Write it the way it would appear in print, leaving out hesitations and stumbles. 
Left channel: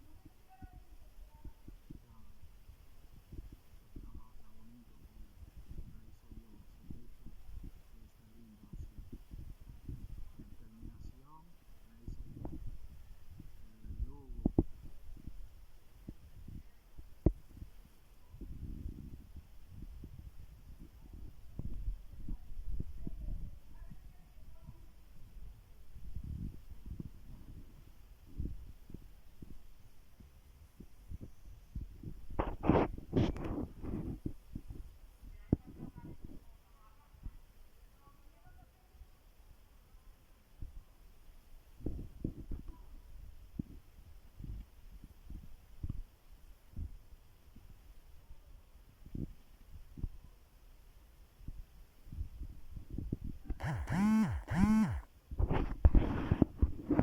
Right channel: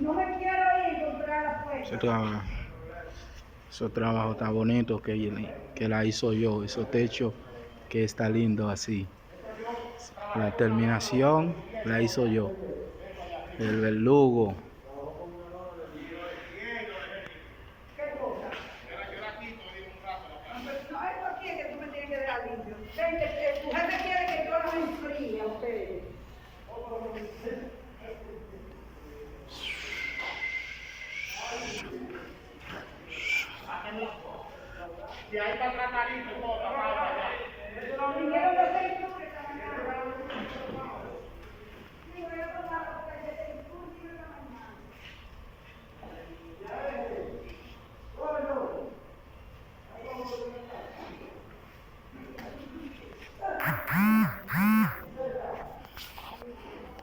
No me quiero ir contra la puerta. Esos trabajos tan bonitos que la hizo yo, esos techos que está lindo así. La terminación la hizo yo. El verdugo